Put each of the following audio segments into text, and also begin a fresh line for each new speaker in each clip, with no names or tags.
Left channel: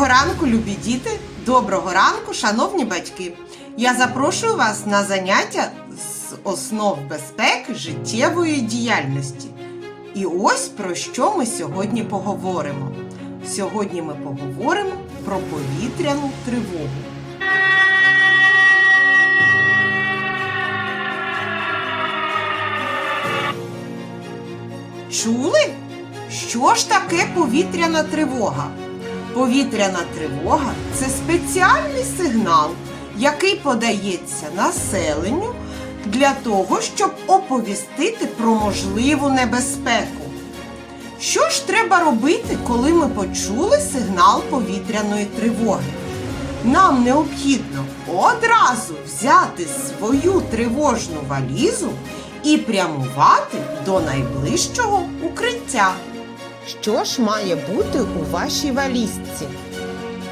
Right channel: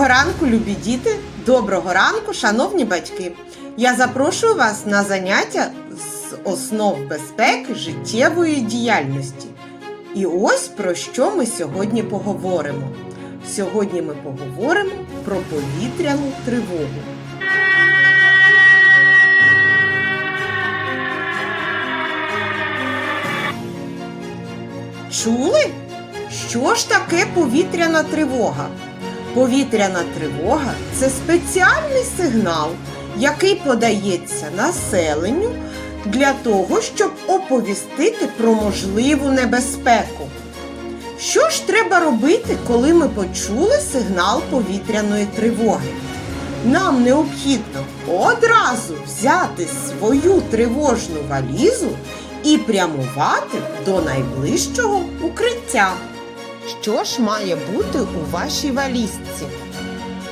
Доброго ранку, любі діти! Доброго ранку, шановні батьки! Я запрошую вас на заняття з основ безпеки життєвої діяльності. І ось про що ми сьогодні поговоримо. Сьогодні ми поговоримо про повітряну тривогу. Чули? Що ж таке повітряна тривога? Повітряна тривога це спеціальний сигнал, який подається населенню для того, щоб оповістити про можливу небезпеку. Що ж треба робити, коли ми почули сигнал повітряної тривоги? Нам необхідно одразу взяти свою тривожну валізу і прямувати до найближчого укриття. Що ж має бути у вашій валізці?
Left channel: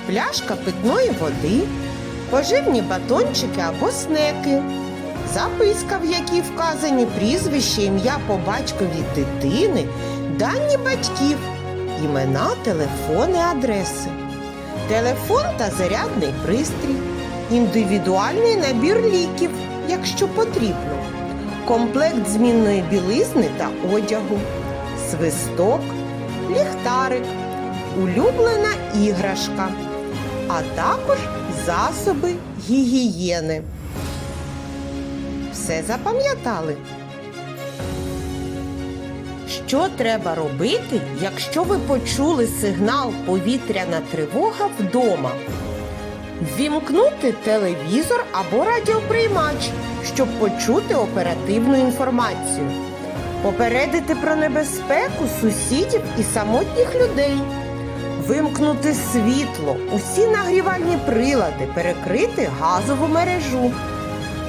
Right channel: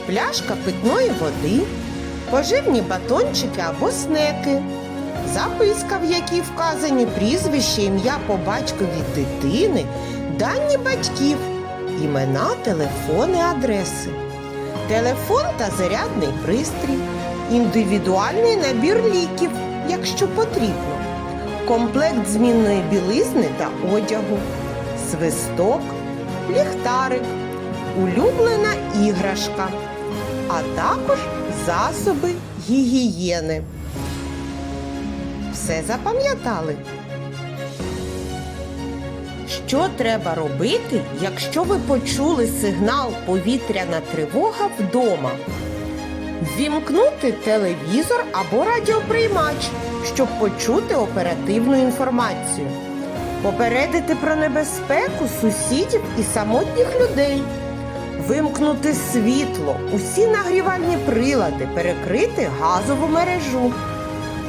Пляшка питної води, поживні батончики або снеки, записка, в якій вказані прізвище, ім'я по батькові дитини, дані батьків, імена, телефони, адреси, телефон та зарядний пристрій, індивідуальний набір ліків, якщо потрібно, комплект змінної білизни та одягу, свисток, ліхтарик, улюблена іграшка, а також засоби гігієни. Все запам'ятали? Що треба робити, якщо ви почули сигнал повітряна тривога вдома? Ввімкнути телевізор або радіоприймач, щоб почути оперативну інформацію. Попередити про небезпеку сусідів і самотніх людей. Вимкнути світло, усі нагрівальні прилади, перекрити газову мережу.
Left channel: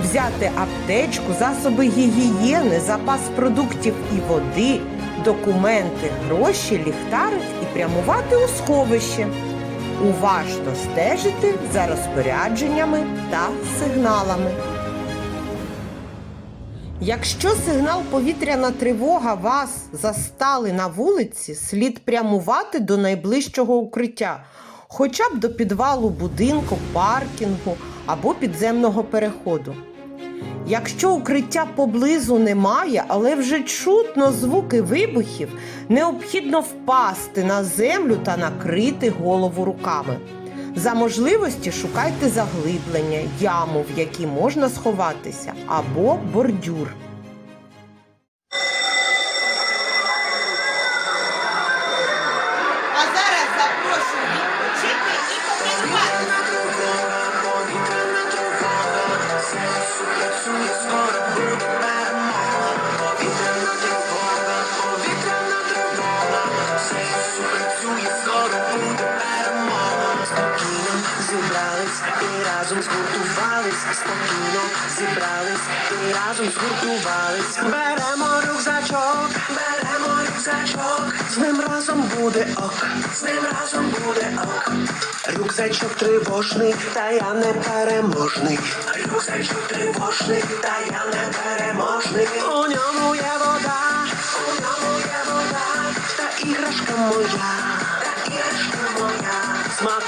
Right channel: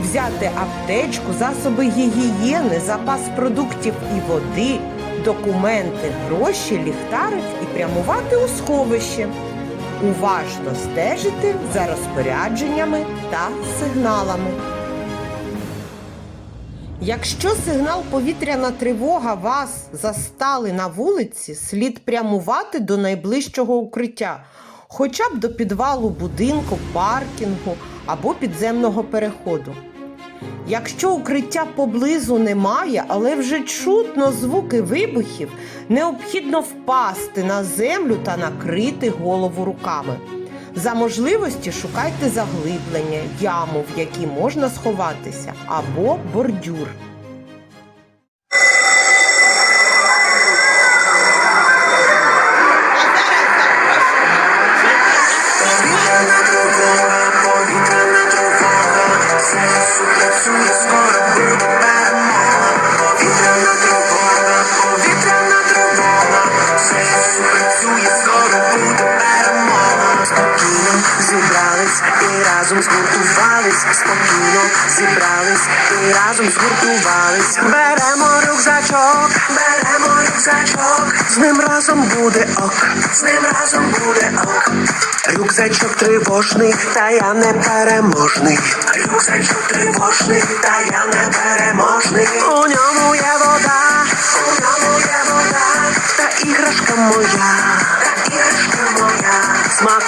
Взяти аптечку, засоби гігієни, запас продуктів і води, документи, гроші, ліхтарик і прямувати у сховище. Уважно стежити за розпорядженнями та сигналами. Якщо сигнал повітряна тривога вас застали на вулиці, слід прямувати до найближчого укриття, хоча б до підвалу будинку, паркінгу або підземного переходу. Якщо укриття поблизу немає, але вже чутно звуки вибухів, необхідно впасти на землю та накрити голову руками. За можливості шукайте заглиблення, яму, в якій можна сховатися, або бордюр.
Зібрались і разом згуртувались, спокійно зібрались і разом згуртувались. Беремо рюкзачок, беремо рюкзачок, з ним разом буде ок, з ним разом буде ок. Рюкзачок тривожний, та я не переможний. Рюкзачок тривожний, та я не переможний. У ньому є вода, у ньому є вода, та іграшка моя.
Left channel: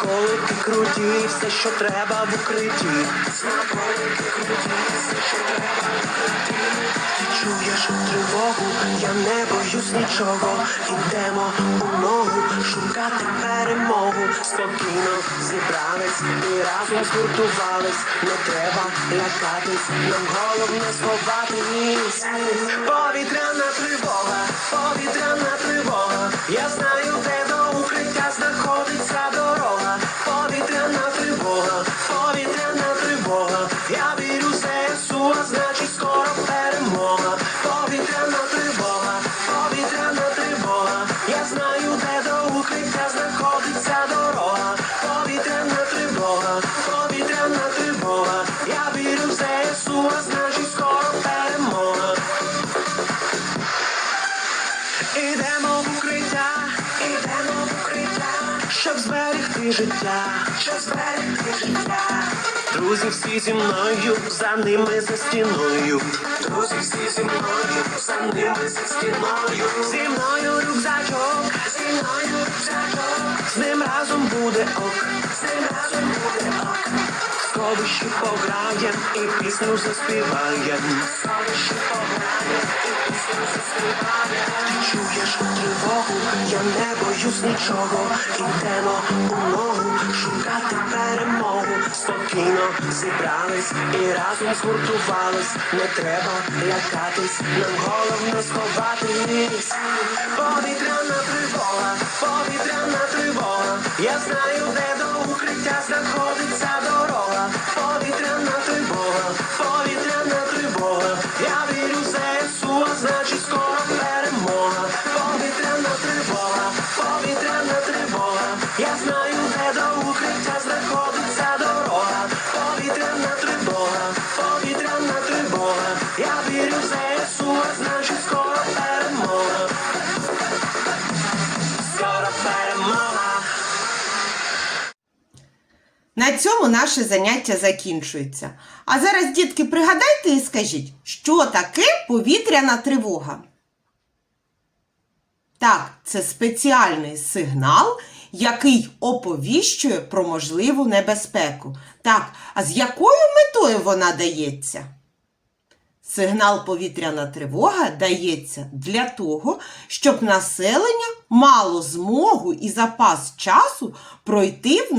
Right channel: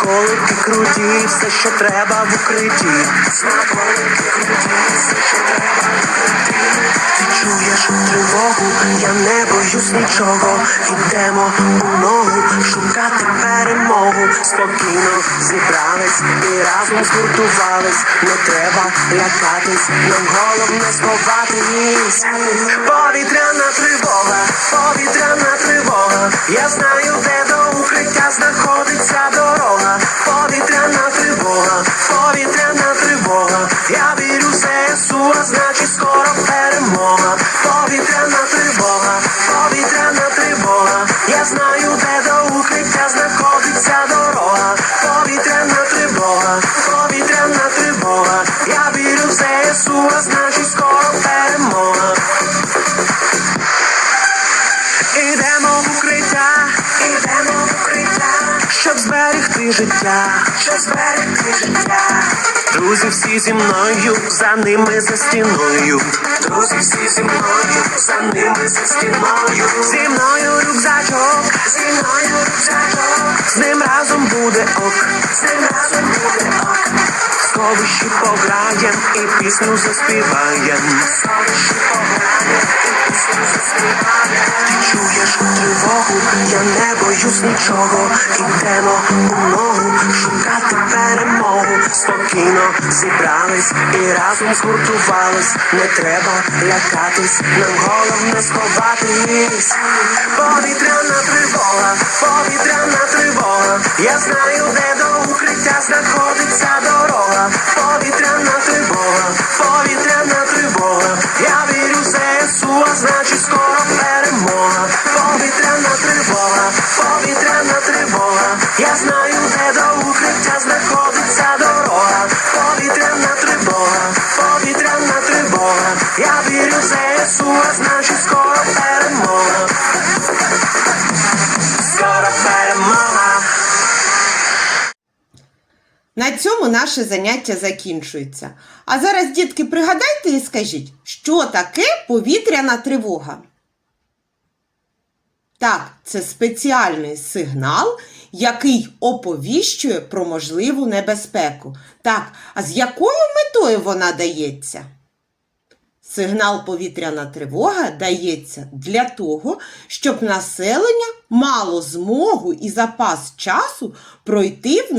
Смаколики круті, все, що треба в укритті. Смаколики круті, все, що треба в укритті. Ти чуєш тривогу, я не боюсь нічого. Ідемо у ногу, шукати перемогу. Спокійно зібрались і разом згуртувались. Не треба лякатись, нам головне сховатись. Повітряна тривога, повітряна тривога. Зберегти життя, щоб зберегти життя. Друзі всі зі мною, за ними за стіною. Друзі всі зі мною, за ними за стіною. Зі мною рюкзачок, зі мною рюкзачок, з ним разом буде ок, з ним разом буде ок. Сховищі пограєм і пісню заспіваєм. Сховищі пограєм і пісню заспіваєм. Ти чуєш тривогу, я не боюсь нічого. Ідемо у перемогу. Спокійно зібрались і разом згуртувались. Не треба лякатись, нам головне сховатись. Повітряна тривога, повітряна тривога. Я знаю, де вірю в ЗСУ, а значить скоро перемога. Скоро перемога.
На цьому наше заняття закінчується. А зараз, дітки, пригадайте і скажіть, що таке повітряна тривога? Так, це спеціальний сигнал, який оповіщує про можливу небезпеку. Так, а з якою метою вона дається? Сигнал повітряна тривога дається для того, щоб населення мало змогу і запас часу пройти в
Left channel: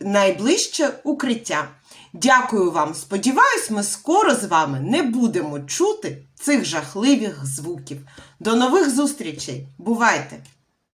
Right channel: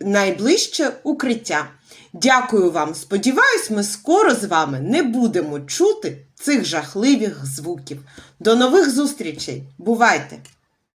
найближче укриття. Дякую вам. Сподіваюсь, ми скоро з вами не будемо чути цих жахливих звуків. До нових зустрічей. Бувайте!